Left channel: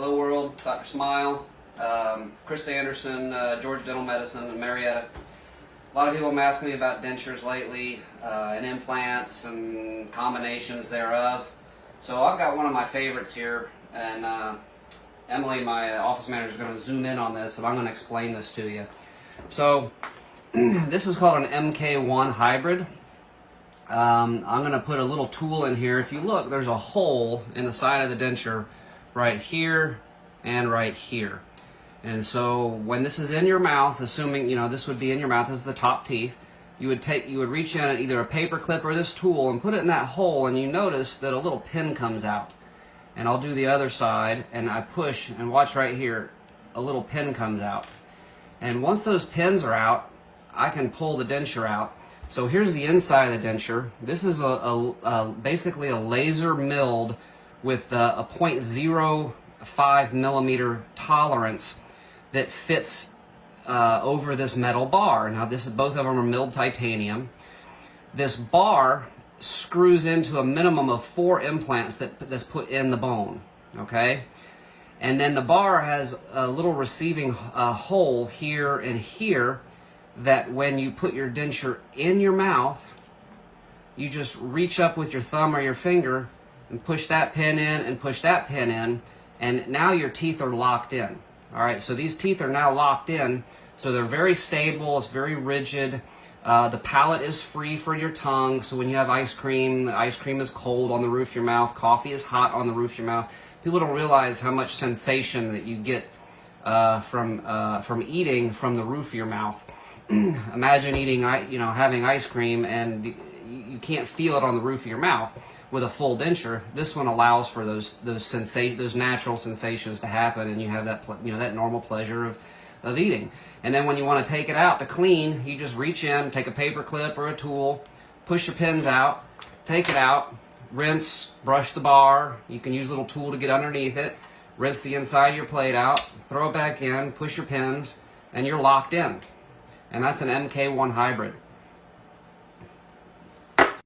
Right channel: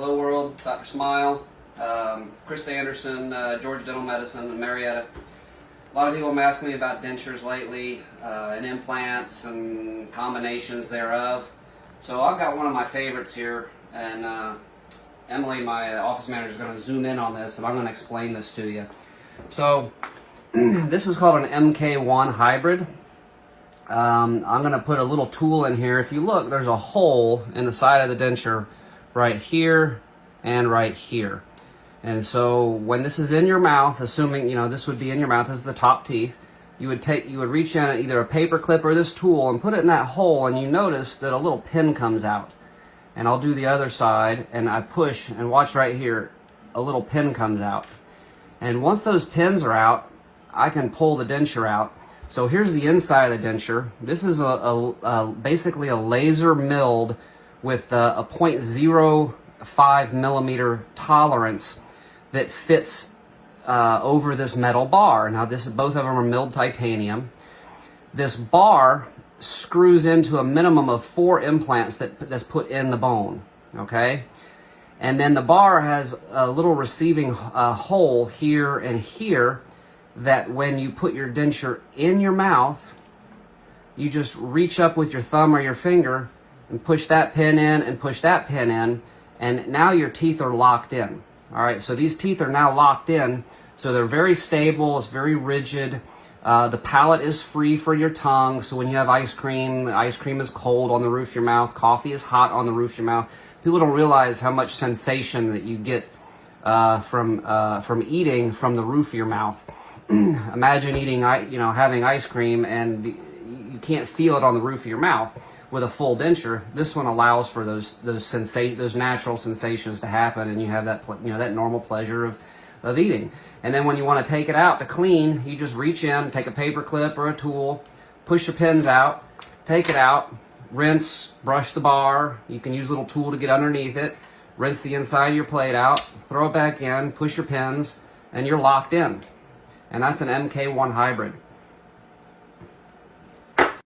Hello world, Dr. Smile, Chris Anderson, Georgia Dental Medicine in Marietta. A lot of people have been asking me about dentures lately, and implants and combinations thereof. So I've got one of my favorites here, and Emily, my office manager, is going to zoom in on this, and I'm going to explain this to you. So this is called an MK1 hybrid. I'm going to put a little tool in here. If you look, there's a hole in the side of the denture right here and right here. And so when this is in your mouth, assuming this would be in your mouth, this is the top teeth, you would reach in at either a paper clip or this tool and put it in that hole, and you notice that a little pin comes out. And I'll do the other side, and I push, and watch right here, a little pin comes out. And once those pins are out, I can pull the denture out. So here's the inside of the denture. This is basically a laser milled with a 0.05 millimeter tolerance that fits over this metal bar. Now both of them are milled titanium. This bar screws into a minimum of 4 implants that's put in the bone, okay? And then the bar has a little receiving hole here and here that when you put your denture in your mouth, you just reach up with your thumb or your finger and push that pin in and push that pin in, and now your teeth are locked in. All right, so these teeth are now locked in, so they're very stable, it's very rigid. The palate is free for your tongue, so when you have ice cream, the ice cream is cold on the roof of your mouth, coffee is hot on the roof of your mouth. People don't realize how much sensation that you get from eating from the roof of your mouth. Imagine eating, having ice cream and you can't feel it on the roof of your mouth. With a full denture, this one allows for those natural sensations to happen, and you have that that normal pleasure of eating. And then when you want to take it out to clean, you just reach in, take a paper clip or a tool, push your pins out, take it out, rinse, brush the bar. You can use a little tool to get underneath it, rinse the inside of your plate out, throw it back in, push your pins, and you're locked in. And that's an MK1 hybrid.